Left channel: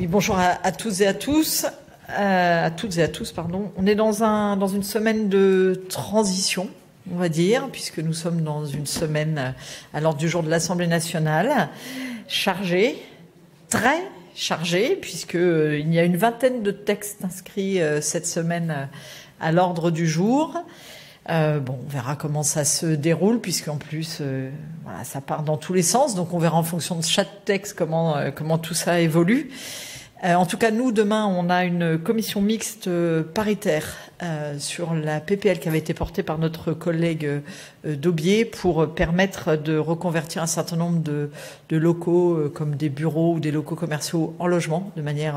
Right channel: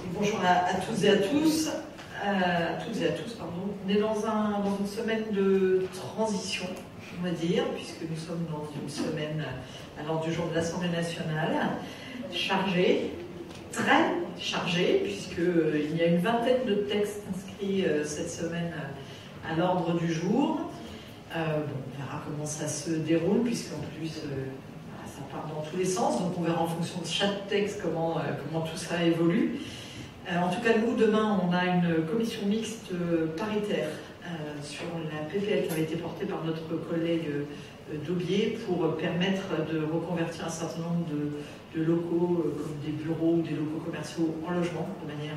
Oui, bonjour à tous et à tous. À toutes et à tous, pardon. On est dans une semaine de transition, on va dire, puisque nous sommes dans une semaine à l'ordre du jour de l'Assemblée nationale, chargée, très chargée, puisqu'il y a une vingtaine de textes inscrits cette semaine à l'ordre du jour. On verra comment ça se déroule, puisqu'en plus, voilà, ça part dans tous les sens, donc on verra en fonction de chaque texte comment tout ça évolue. En tout cas, nous, demain, on a une commission mixte paritaire sur la PPL qui avait été portée par notre collègue Daubier pour permettre de reconvertir un certain nombre de locaux comme des bureaux ou des locaux commerciaux en logement de manière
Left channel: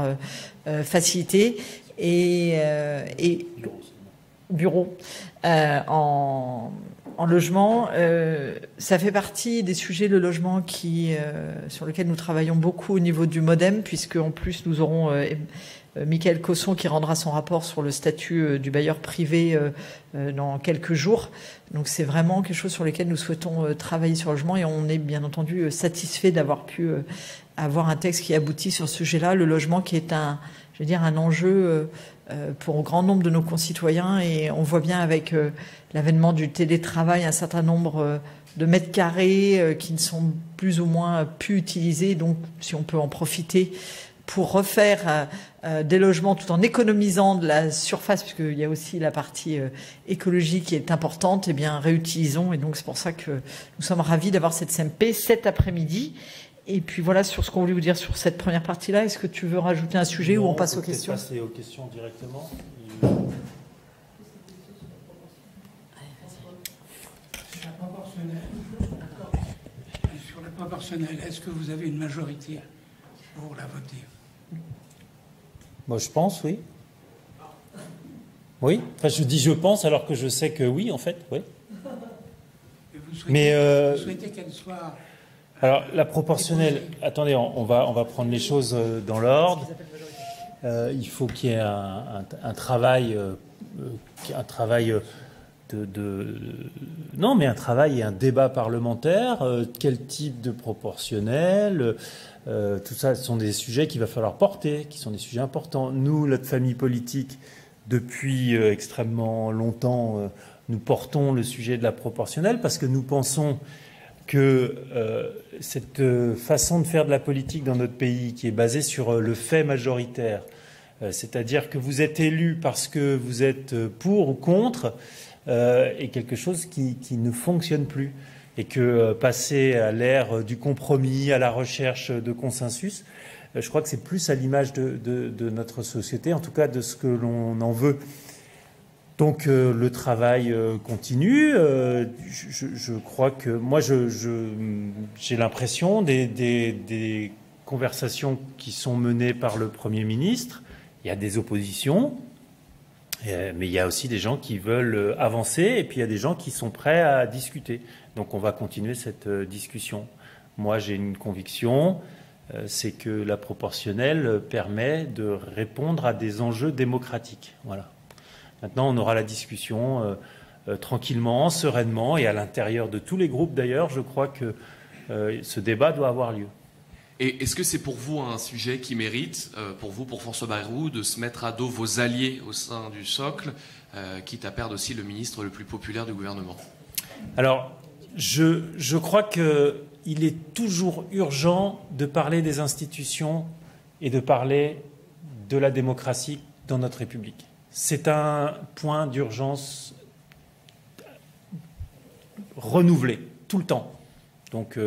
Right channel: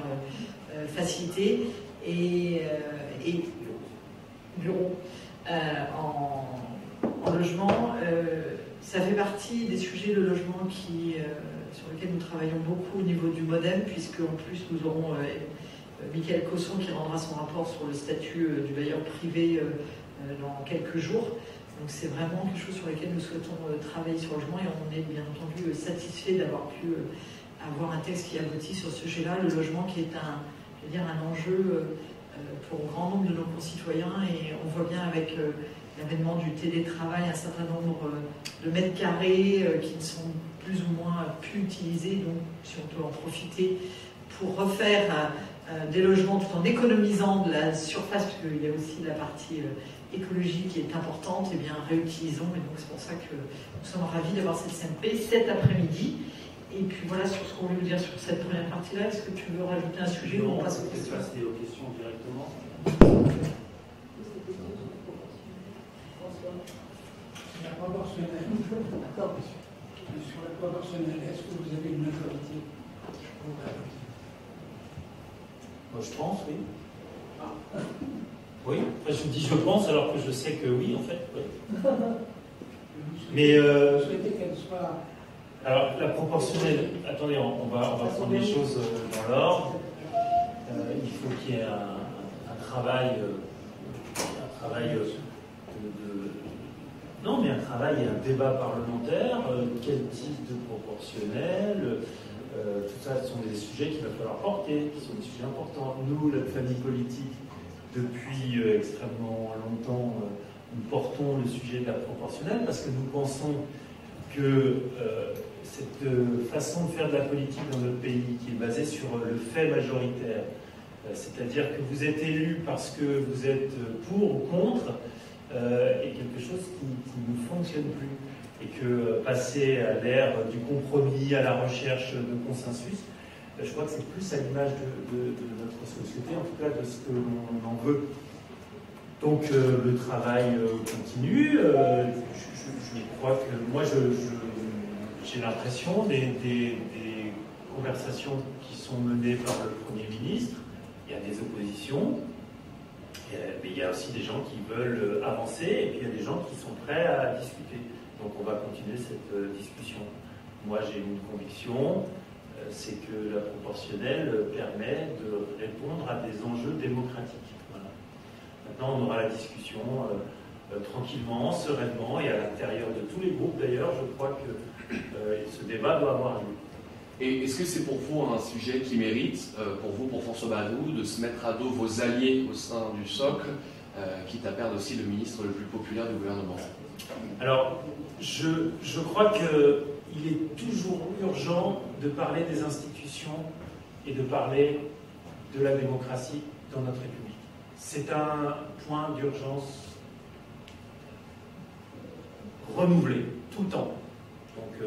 facilitée et bureaux en logement. Ça fait partie des sujets de logement sur lesquels nous travaillons beaucoup au niveau du MODEM, puisque en plus nous aurons Mickaël Cosson qui rendra son rapport sur le statut du bailleur privé dans quelques jours. Donc c'est vraiment quelque chose sur lequel nous souhaitons travailler sur le logement, et on est bien entendu satisfait d'avoir pu avoir un texte qui aboutit sur ce sujet-là. Le logement qui est un enjeu pour un grand nombre de nos concitoyens, et on voit bien avec l'avènement du télétravail un certain nombre de mètres carrés qui ne sont plus ou moins pu utilisés. Donc si on peut en profiter pour refaire des logements tout en économisant de la surface, parce qu'il y a aussi la partie écologique qui est importante, et bien réutilisons. Et donc c'est pour ça que nous sommes ravis d'avoir cette CMP cet après-midi. Et puis voilà sur ce qu'on voulait vous dire sur cette première partie-là. Est-ce que tu veux rajouter un sujet ou on passe aux questions? Passer aux questions directement. Sur la proportionnelle, est-ce que vous avez une majorité pour la voter? Moi, je pense, oui. Oui. Enfin, je dis je pense alors que je sais que oui, en fait, oui. Vous souhaitez qu'elle soit... Alors, la proportionnelle, attendez, on va prendre les choses dans l'ordre. Il faut qu'il y ait un travail non, mais un travail et un débat parlementaire. Quel type de proportionnel, tout ça, ce sont des sujets qu'il va falloir porter, qui sont des sujets importants. Nous, notre famille politique, depuis extrêmement longtemps, nous portons le sujet de la proportionnelle parce que nous pensons que cette façon de faire de la politique dans notre pays, qui est basée sur le fait majoritaire, c'est-à-dire que vous êtes élu parce que vous êtes pour ou contre, est quelque chose qui ne fonctionne plus. Et que passer à l'ère du compromis, à la recherche de consensus, je crois que c'est plus à l'image de notre société, en tout cas de ce que l'on en veut. Donc le travail continue. Je crois que moi j'ai l'impression des conversations qui sont menées par le Premier ministre. Il y a des oppositions, mais il y a aussi des gens qui veulent avancer, et puis il y a des gens qui sont prêts à discuter. Donc on va continuer cette discussion. Moi j'ai une conviction, c'est que la proportionnelle permet de répondre à des enjeux démocratiques. Voilà. Maintenant, on aura la discussion tranquillement, sereinement, et à l'intérieur de tous les groupes d'ailleurs, je crois que ce débat doit avoir lieu. Et est-ce que c'est pour vous un sujet qui mérite, pour François Bayrou, de se mettre à dos vos alliés au sein du socle, quitte à perdre aussi le ministre le plus populaire du gouvernement? Alors, je crois qu'il est toujours urgent de parler des institutions et de parler de la démocratie dans notre République. C'est un point d'urgence renouvelé tout le temps. Donc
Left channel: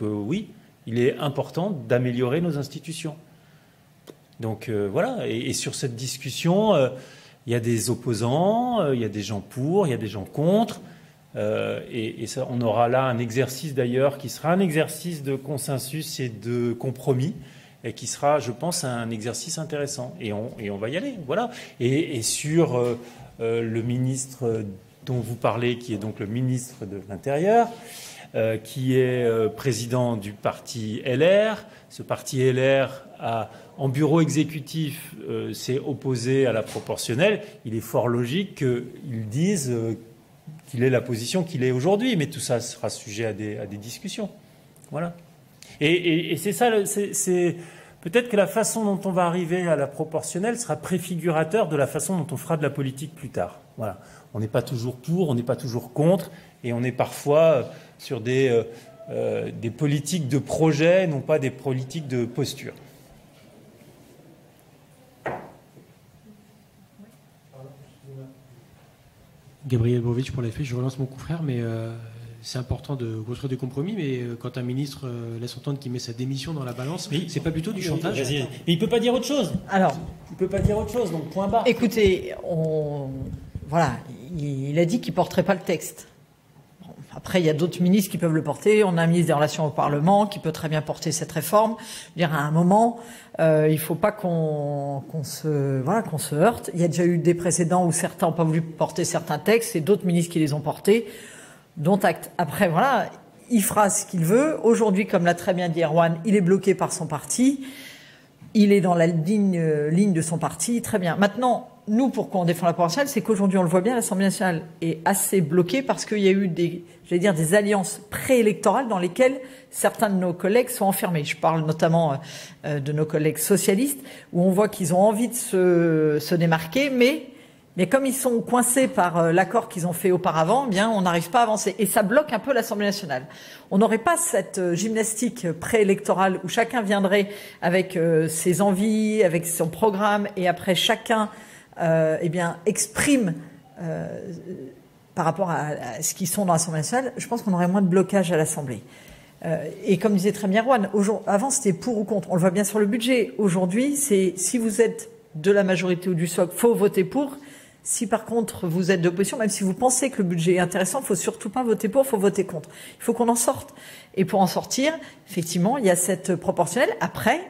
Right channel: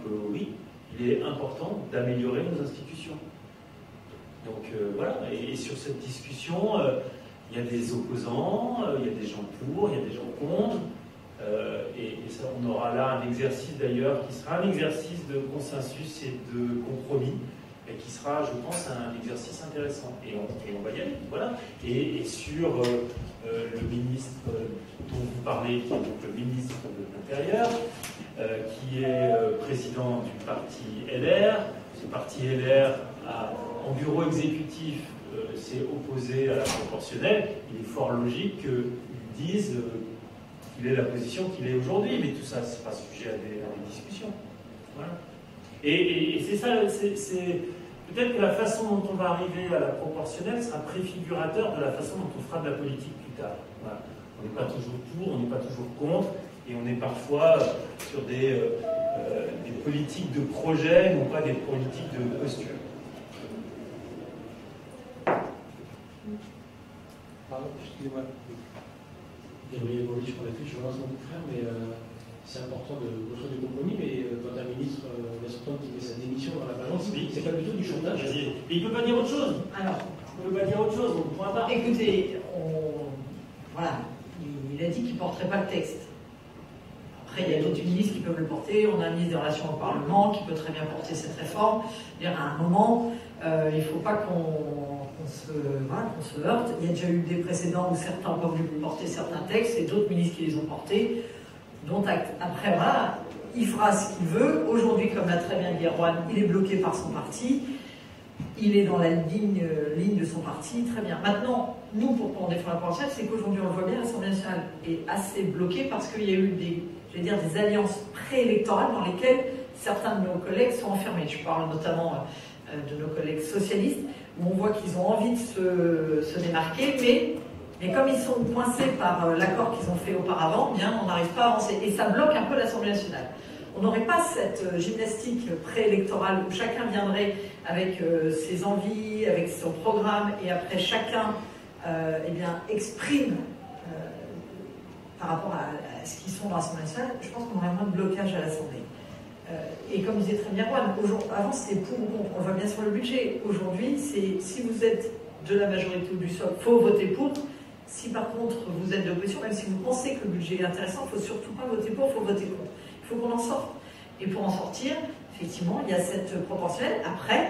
oui, il est important d'améliorer nos institutions. Donc voilà, et sur cette discussion, il y a des opposants, il y a des gens pour, il y a des gens contre, et ça, on aura là un exercice d'ailleurs qui sera un exercice de consensus et de compromis, et qui sera, je pense, un exercice intéressant. Et on va y aller, voilà. Et sur le ministre dont vous parlez, qui est donc le ministre de l'Intérieur, qui est président du parti LR. Ce parti LR, en bureau exécutif, s'est opposé à la proportionnelle. Il est fort logique qu'ils disent qu'il ait la position qu'il est aujourd'hui. Mais tout ça sera sujet à des discussions. Voilà. Et c'est ça, peut-être que la façon dont on va arriver à la proportionnelle sera préfigurateur de la façon dont on fera de la politique plus tard. Voilà. On n'est pas toujours pour, on n'est pas toujours contre, et on est parfois sur des politiques de projet, non pas des politiques de posture. Gabriel Bovitch pour l'effet, je relance mon confrère, mais c'est important de construire des compromis, mais quand un ministre laisse entendre qu'il met sa démission dans la balance, oui, c'est pas plutôt du chantage? Mais il ne peut pas dire autre chose. Alors, il ne peut pas dire autre chose, donc point barre. écoutez, voilà, il a dit qu'il ne porterait pas le texte. Après, il y a d'autres ministres qui peuvent le porter. On a un ministre des Relations au Parlement qui peut très bien porter cette réforme. Je veux dire, à un moment, il ne faut pas qu'on se heurte. Il y a déjà eu des précédents où certains n'ont pas voulu porter certains textes et d'autres ministres qui les ont portés, dont acte. Après, voilà, il fera ce qu'il veut. Aujourd'hui, comme l'a très bien dit Erwan, il est bloqué par son parti. Il est dans la ligne de son parti, très bien. Maintenant, nous, pourquoi on défend la proportionnelle, c'est qu'aujourd'hui, on le voit bien, l'Assemblée nationale est assez bloquée parce qu'il y a eu des alliances préélectorales dans lesquelles certains de nos collègues sont enfermés. Je parle notamment de nos collègues socialistes, où on voit qu'ils ont envie de se démarquer, mais comme ils sont coincés par l'accord qu'ils ont fait auparavant, bien, on n'arrive pas à avancer. Et ça bloque un peu l'Assemblée nationale. On n'aurait pas cette gymnastique préélectorale où chacun viendrait avec ses envies, avec son programme, et après chacun exprime par rapport à ce qu'ils sont dans l'Assemblée nationale. Je pense qu'on aurait moins de blocage à l'Assemblée. Et comme disait très bien Erwan, avant c'était pour ou contre. On le voit bien sur le budget. Aujourd'hui, c'est si vous êtes de la majorité ou du socle, il faut voter pour. Si par contre vous êtes d'opposition, même si vous pensez que le budget est intéressant, il ne faut surtout pas voter pour, il faut voter contre. Il faut qu'on en sorte. Et pour en sortir, effectivement, il y a cette proportionnelle. Après,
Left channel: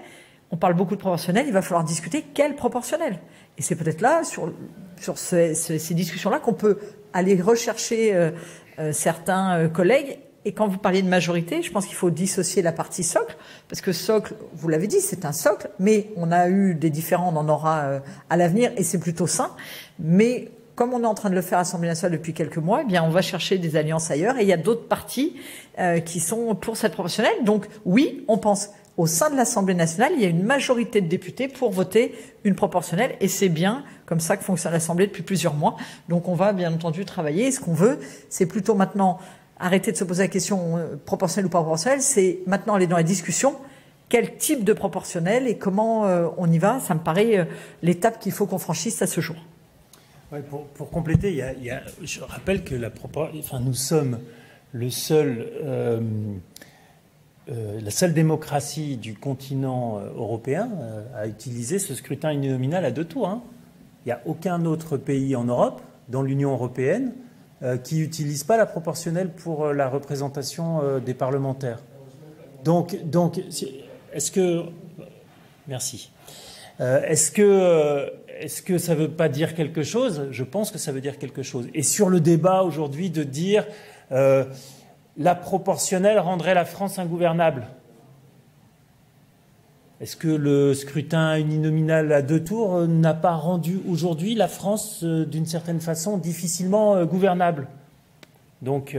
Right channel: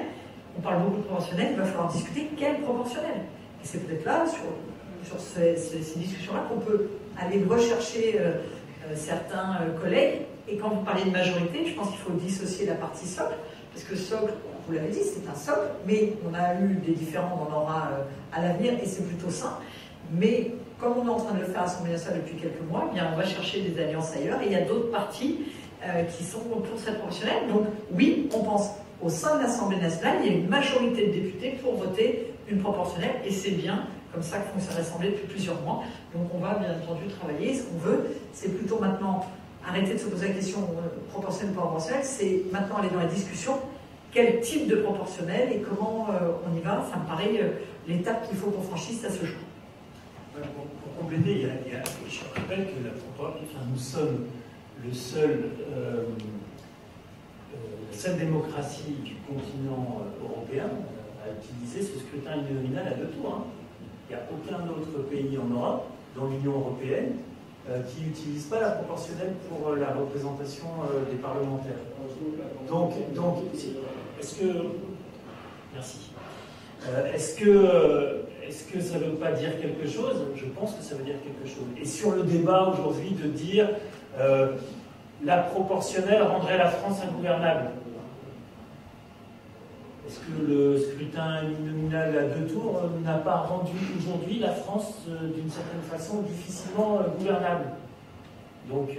on parle beaucoup de proportionnelle, il va falloir discuter quelle proportionnelle. Et c'est peut-être là, sur ces discussions-là, qu'on peut aller rechercher certains collègues. Et quand vous parliez de majorité, je pense qu'il faut dissocier la partie socle, parce que socle, vous l'avez dit, c'est un socle, mais on a eu des différends, on en aura à l'avenir, et c'est plutôt sain. Mais comme on est en train de le faire à l'Assemblée nationale depuis quelques mois, eh bien on va chercher des alliances ailleurs, et il y a d'autres partis qui sont pour cette proportionnelle. Donc oui, on pense au sein de l'Assemblée nationale, il y a une majorité de députés pour voter une proportionnelle, et c'est bien comme ça que fonctionne l'Assemblée depuis plusieurs mois. Donc on va bien entendu travailler, et ce qu'on veut, c'est plutôt maintenant arrêter de se poser la question proportionnelle ou pas proportionnelle, c'est maintenant aller dans la discussion, quel type de proportionnel et comment on y va. Ça me paraît l'étape qu'il faut qu'on franchisse à ce jour. Ouais, pour compléter, je rappelle que nous sommes la seule démocratie du continent européen à utiliser ce scrutin uninominal à 2 tours. Hein. Il n'y a aucun autre pays en Europe, dans l'Union européenne, qui n'utilise pas la proportionnelle pour la représentation des parlementaires. Donc, est-ce que... Merci. Est-ce que ça ne veut pas dire quelque chose? Je pense que ça veut dire quelque chose. Et sur le débat aujourd'hui de dire la proportionnelle rendrait la France ingouvernable, est-ce que le scrutin uninominal à 2 tours n'a pas rendu aujourd'hui la France d'une certaine façon difficilement gouvernable? Donc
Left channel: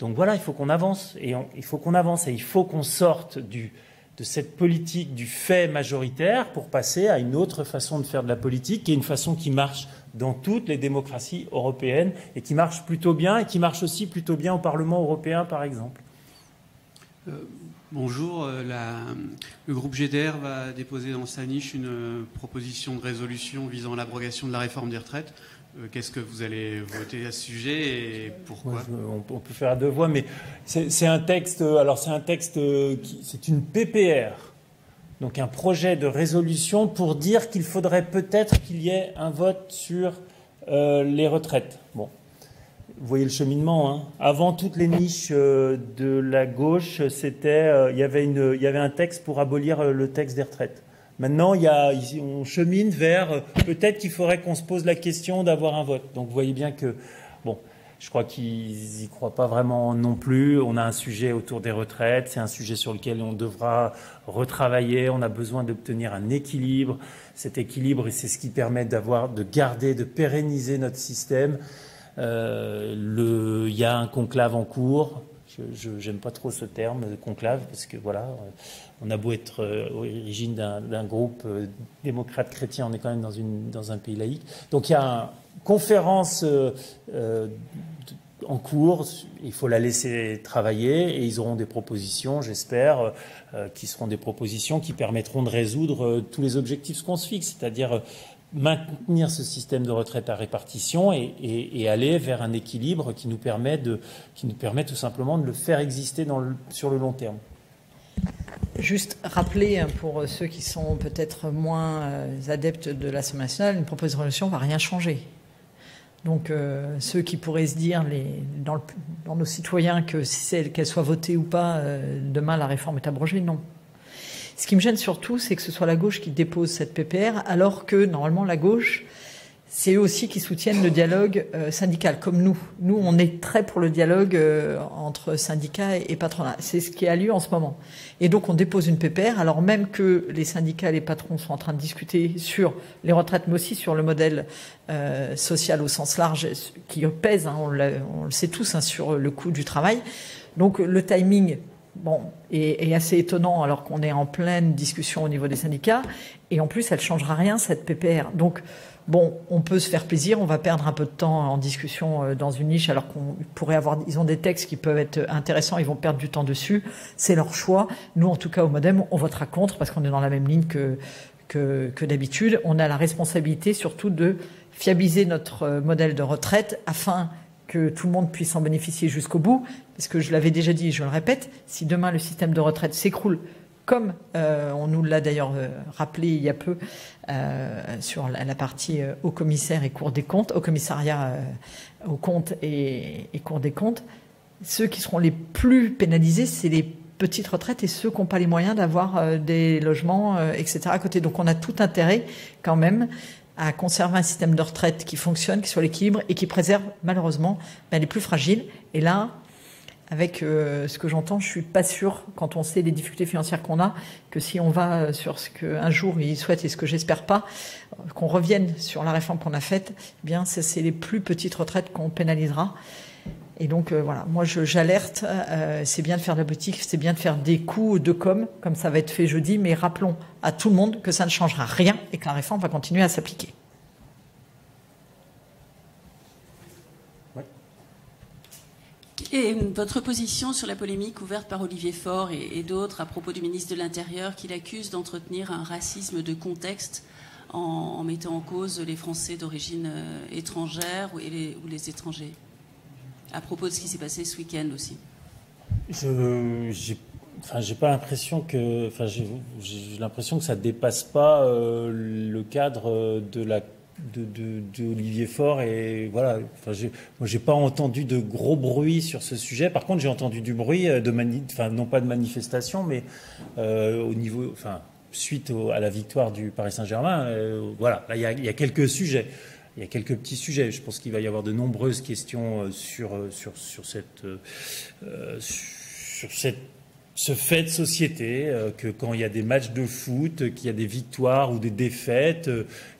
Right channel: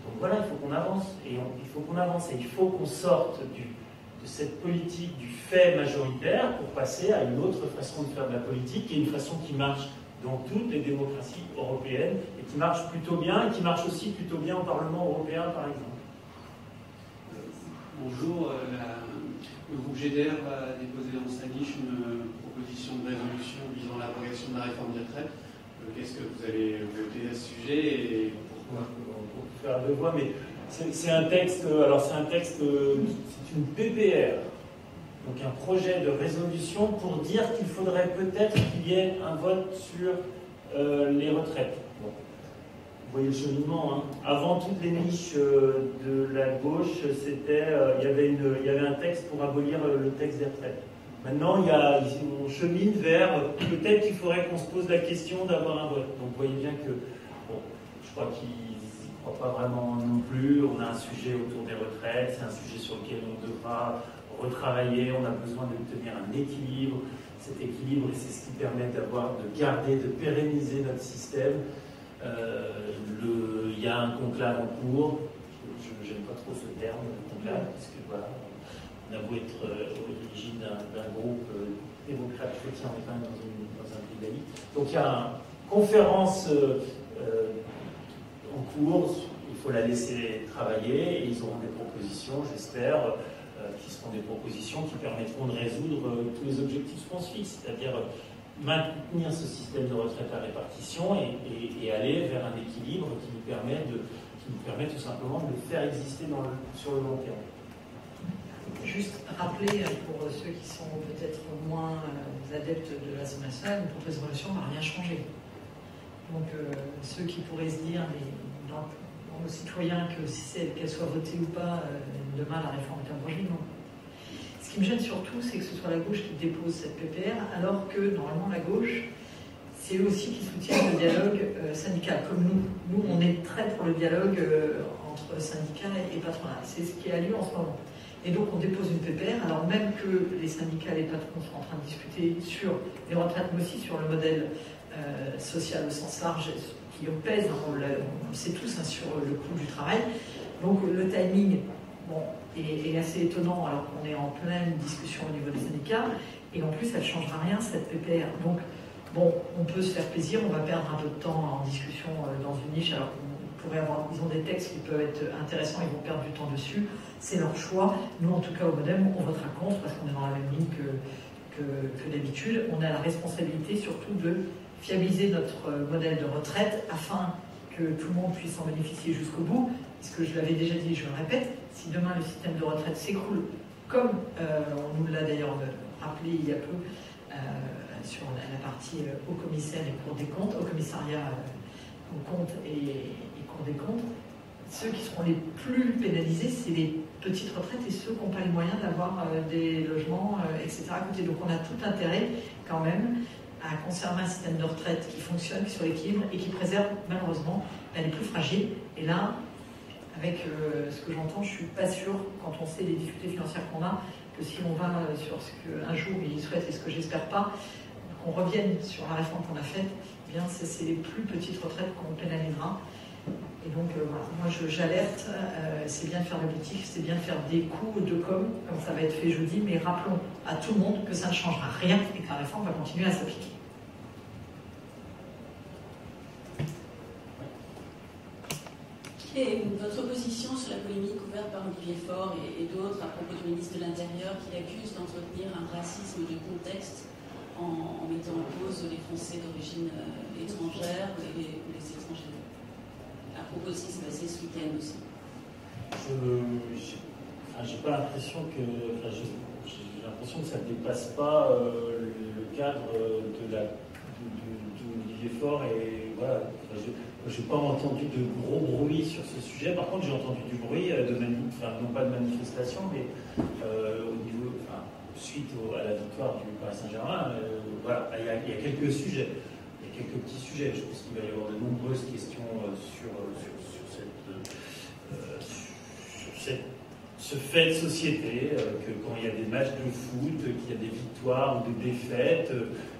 voilà, il faut qu'on avance. Et il faut qu'on sorte de cette politique du fait majoritaire pour passer à une autre façon de faire de la politique, qui est une façon qui marche dans toutes les démocraties européennes et qui marche plutôt bien, et qui marche aussi plutôt bien au Parlement européen, par exemple. Bonjour, le groupe GDR va déposer dans sa niche une proposition de résolution visant à l'abrogation de la réforme des retraites. Qu'est-ce que vous allez voter à ce sujet et pourquoi? On peut faire à 2 voix, mais c'est un texte. Alors c'est une PPR, donc un projet de résolution pour dire qu'il faudrait peut-être qu'il y ait un vote sur les retraites. Bon. Vous voyez le cheminement, hein. Avant toutes les niches de la gauche, il y avait un texte pour abolir le texte des retraites. Maintenant, on chemine vers peut-être qu'il faudrait qu'on se pose la question d'avoir un vote. Donc vous voyez bien que, bon, je crois qu'ils n'y croient pas vraiment non plus. On a un sujet autour des retraites, c'est un sujet sur lequel on devra retravailler. On a besoin d'obtenir un équilibre. Cet équilibre, c'est ce qui permet de pérenniser notre système. Il y a un conclave en cours. Je n'aime pas trop ce terme, conclave, parce que voilà, on a beau être origine d'un groupe démocrate chrétien, on est quand même dans un pays laïque. Donc il y a une conférence en cours, il faut la laisser travailler et ils auront des propositions, j'espère, qui seront des propositions qui permettront de résoudre tous les objectifs qu'on se fixe, c'est-à-dire maintenir ce système de retraite à répartition et aller vers un équilibre qui nous permet tout simplement de le faire exister sur le long terme. Juste rappeler pour ceux qui sont peut-être moins adeptes de l'Assemblée nationale, une proposition de résolution ne va rien changer. Donc ceux qui pourraient se dire dans nos citoyens qu'elle soit votée ou pas, demain la réforme est abrogée, non. Ce qui me gêne surtout, c'est que ce soit la gauche qui dépose cette PPR, alors que normalement la gauche, c'est eux aussi qui soutiennent le dialogue syndical, comme nous. Nous, on est très pour le dialogue entre syndicats et patronat. C'est ce qui a lieu en ce moment. Et donc on dépose une PPR, alors même que les syndicats et les patrons sont en train de discuter sur les retraites, mais aussi sur le modèle social au sens large, qui pèse, hein, on le sait tous, hein, sur le coût du travail. Donc le timing est assez étonnant, alors qu'on est en pleine discussion au niveau des syndicats. Et en plus, elle ne changera rien, cette PPR. Donc, on peut se faire plaisir, on va perdre un peu de temps en discussion dans une niche, alors ils ont des textes qui peuvent être intéressants, ils vont perdre du temps dessus, c'est leur choix. Nous, en tout cas, au MoDem, on votera contre, parce qu'on est dans la même ligne que d'habitude. On a la responsabilité surtout de fiabiliser notre modèle de retraite, afin que tout le monde puisse en bénéficier jusqu'au bout, parce que je l'avais déjà dit et je le répète, si demain le système de retraite s'écroule, comme on nous l'a d'ailleurs rappelé il y a peu, sur la partie haut commissaire et Cour des comptes, au commissariat aux comptes et Cour des comptes, ceux qui seront les plus pénalisés, c'est les petites retraites et ceux qui n'ont pas les moyens d'avoir des logements, etc. à côté. Donc on a tout intérêt quand même à conserver un système de retraite qui fonctionne, qui soit l'équilibre et qui préserve malheureusement les plus fragiles. Et là, avec ce que j'entends, je ne suis pas sûre, quand on sait les difficultés financières qu'on a, que si on va sur ce qu'un jour ils souhaitent et ce que j'espère pas, qu'on revienne sur la réforme qu'on a faite, eh bien c'est les plus petites retraites qu'on pénalisera. Et donc voilà, moi j'alerte, c'est bien de faire de la politique, c'est bien de faire des coups de com, comme ça va être fait jeudi, mais rappelons à tout le monde que ça ne changera rien et que la réforme va continuer à s'appliquer. Et votre position sur la polémique ouverte par Olivier Faure et d'autres à propos du ministre de l'Intérieur qui l'accuse d'entretenir un racisme de contexte en mettant en cause les Français d'origine étrangère ou les étrangers, à propos de ce qui s'est passé ce week-end aussi. J'ai pas l'impression que, j'ai l'impression que ça dépasse pas le cadre de Olivier Faure et voilà. Moi, j'ai pas entendu de gros bruit sur ce sujet. Par contre, j'ai entendu du bruit non pas de manifestation, mais au niveau, suite à la victoire du Paris Saint-Germain. Voilà, il y a quelques sujets. Il y a quelques petits sujets. Je pense qu'il va y avoir de nombreuses questions sur ce fait de société, que quand il y a des matchs de foot, qu'il y a des victoires ou des défaites,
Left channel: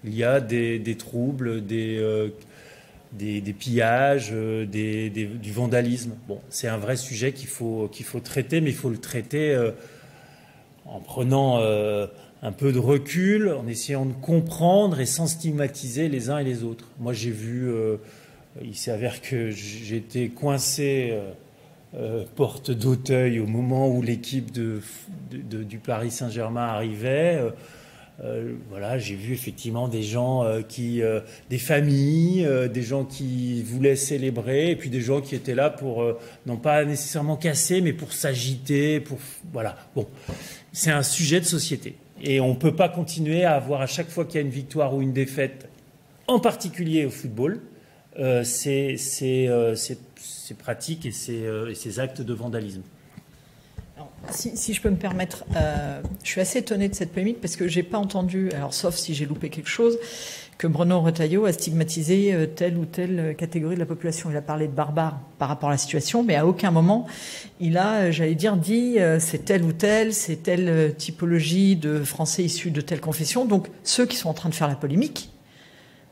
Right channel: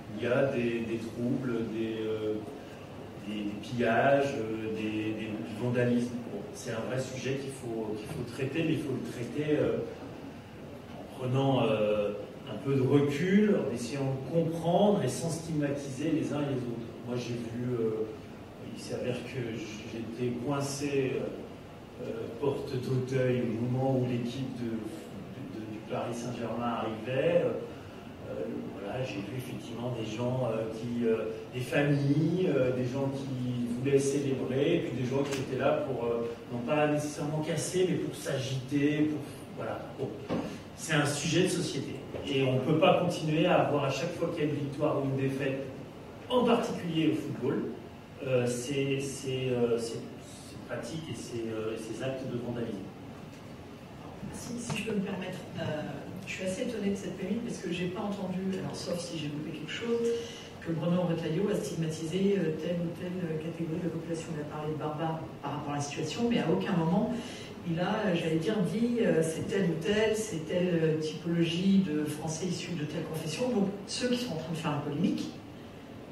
il y a des troubles, des pillages, du vandalisme. Bon, c'est un vrai sujet qu'il faut traiter, mais il faut le traiter en prenant un peu de recul, en essayant de comprendre et sans stigmatiser les uns et les autres. Moi, j'ai vu, il s'avère que j'étais coincé porte d'Auteuil au moment où l'équipe du Paris Saint-Germain arrivait. Voilà, j'ai vu effectivement des gens des familles, des gens qui voulaient célébrer, et puis des gens qui étaient là pour, non pas nécessairement casser, mais pour s'agiter, voilà. Bon, c'est un sujet de société. Et on ne peut pas continuer à avoir à chaque fois qu'il y a une victoire ou une défaite, en particulier au football, ces pratiques et ces actes de vandalisme. Si je peux me permettre, je suis assez étonnée de cette polémique parce que je n'ai pas entendu, alors sauf si j'ai loupé quelque chose, que Bruno Retailleau a stigmatisé telle ou telle catégorie de la population. Il a parlé de barbares par rapport à la situation, mais à aucun moment il a, dit c'est telle ou telle, c'est telle typologie de Français issus de telle confession. Donc ceux qui sont en train de faire la polémique,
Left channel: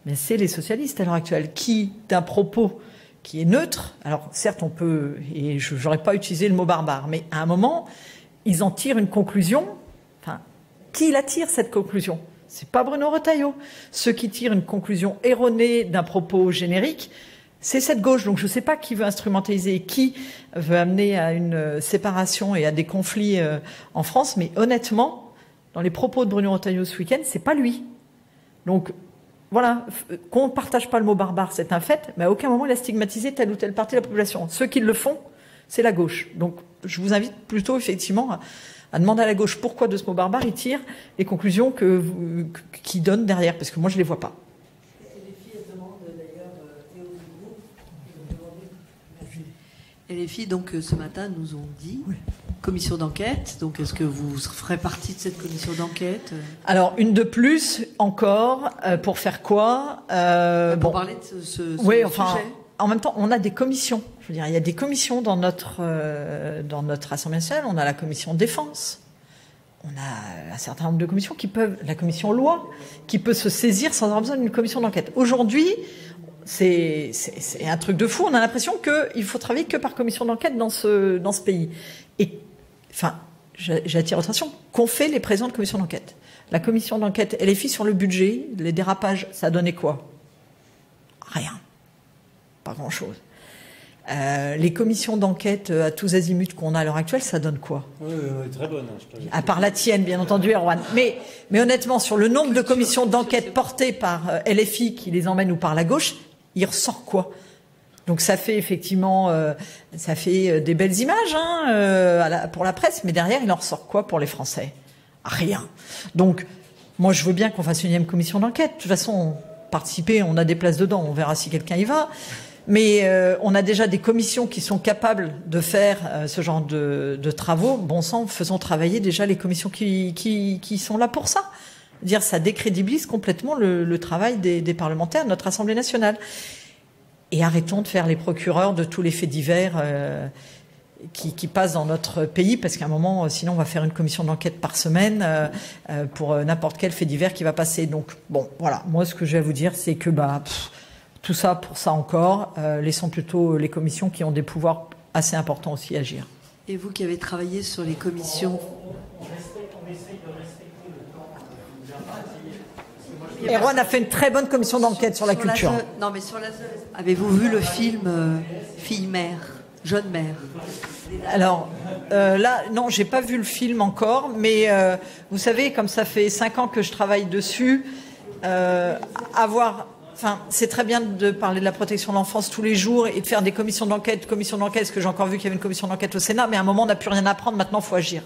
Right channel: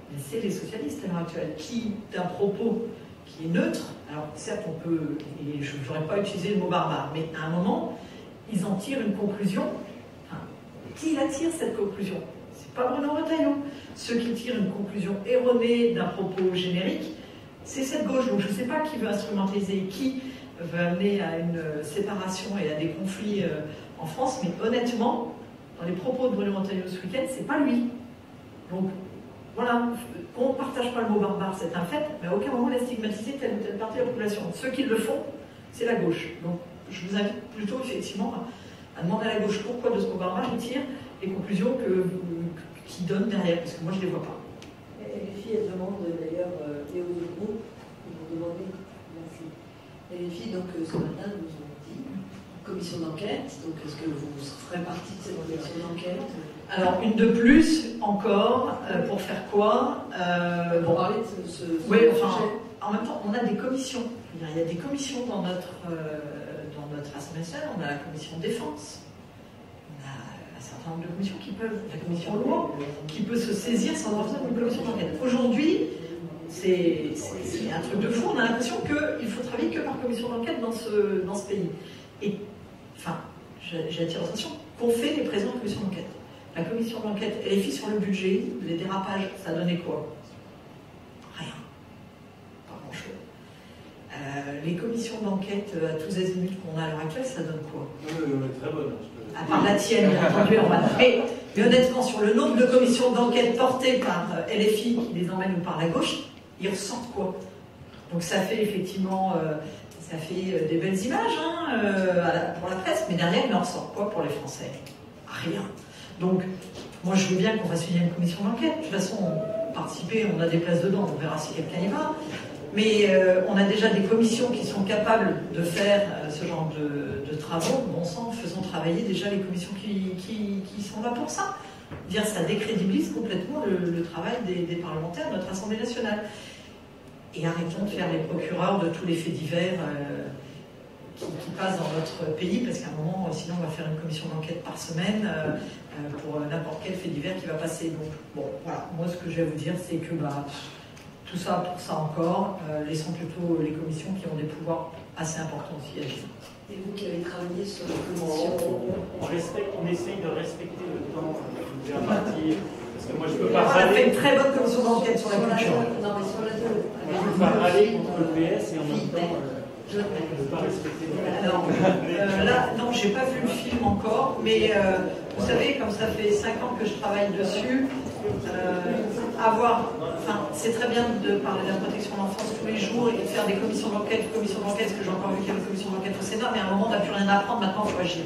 mais c'est les socialistes à l'heure actuelle qui, d'un propos qui est neutre, alors certes on peut, et je n'aurais pas utilisé le mot barbare, mais à un moment, ils en tirent une conclusion qui la tire cette conclusion? C'est pas Bruno Retailleau. Ceux qui tirent une conclusion erronée d'un propos générique, c'est cette gauche. Donc je ne sais pas qui veut instrumentaliser et qui veut amener à une séparation et à des conflits en France, mais honnêtement, dans les propos de Bruno Retailleau ce week-end, c'est pas lui. Donc voilà, qu'on ne partage pas le mot barbare, c'est un fait, mais à aucun moment il a stigmatisé telle ou telle partie de la population. Ceux qui le font, c'est la gauche. Donc je vous invite plutôt effectivement à demander à la gauche pourquoi de ce mot barbare il tire les conclusions qu'il donne derrière, parce que moi je ne les vois pas. Et les filles, elles demandent d'ailleurs, et au groupe, ils vont demander. Merci. Et les filles, donc ce matin, nous ont dit commission d'enquête. Donc est-ce que vous ferez partie de cette commission d'enquête? Alors une de plus encore, pour faire quoi? Pour parler de ce oui, enfin, sujet. En même temps, on a des commissions. Je veux dire, il y a des commissions dans notre Assemblée nationale. On a la commission défense. On a un certain nombre de commissions qui peuvent... La commission loi, qui peut se saisir sans avoir besoin d'une commission d'enquête. Aujourd'hui, c'est un truc de fou. On a l'impression qu'il faut travailler que par commission d'enquête dans ce pays. Et, enfin, j'attire votre attention, qu'ont fait les présidents de commission d'enquête? La commission d'enquête LFI sur le budget, les dérapages, ça a donné quoi? Rien. Pas grand-chose. Les commissions d'enquête à tous azimuts qu'on a à l'heure actuelle, ça donne quoi? Très bonne. À part la tienne, bien entendu, Erwan. Mais honnêtement, sur le nombre de commissions d'enquête portées par LFI qui les emmène ou par la gauche, il ressort quoi? Donc ça fait effectivement des belles images pour la presse, mais derrière, il en ressort quoi pour les Français? Rien. Donc, moi, je veux bien qu'on fasse une 1e commission d'enquête. De toute façon, participer, on a des places dedans, on verra si quelqu'un y va. Mais on a déjà des commissions qui sont capables de faire ce genre de travaux. Bon sang, faisons travailler déjà les commissions qui sont là pour ça. Dire ça décrédibilise complètement le travail des parlementaires de notre Assemblée nationale. Et arrêtons de faire les procureurs de tous les faits divers qui passent dans notre pays, parce qu'à un moment, sinon on va faire une commission d'enquête par semaine pour n'importe quel fait divers qui va passer. Donc bon, voilà, moi ce que j'ai à vous dire, c'est que tout ça pour ça encore, laissons plutôt les commissions qui ont des pouvoirs assez importants aussi agir. Et vous qui avez travaillé sur les commissions... On essaye de respecter le temps de vous impartir. Erwan a fait une très bonne commission d'enquête sur la culture. Non, mais sur la avez-vous vu le film Fille-mère, Jeune mère? Alors là, non, j'ai pas vu le film encore, mais vous savez, comme ça fait 5 ans que je travaille dessus, c'est très bien de parler de la protection de l'enfance tous les jours et de faire des commissions d'enquête, parce que j'ai encore vu qu'il y avait une commission d'enquête au Sénat, mais à un moment on n'a plus rien à apprendre, maintenant il faut agir.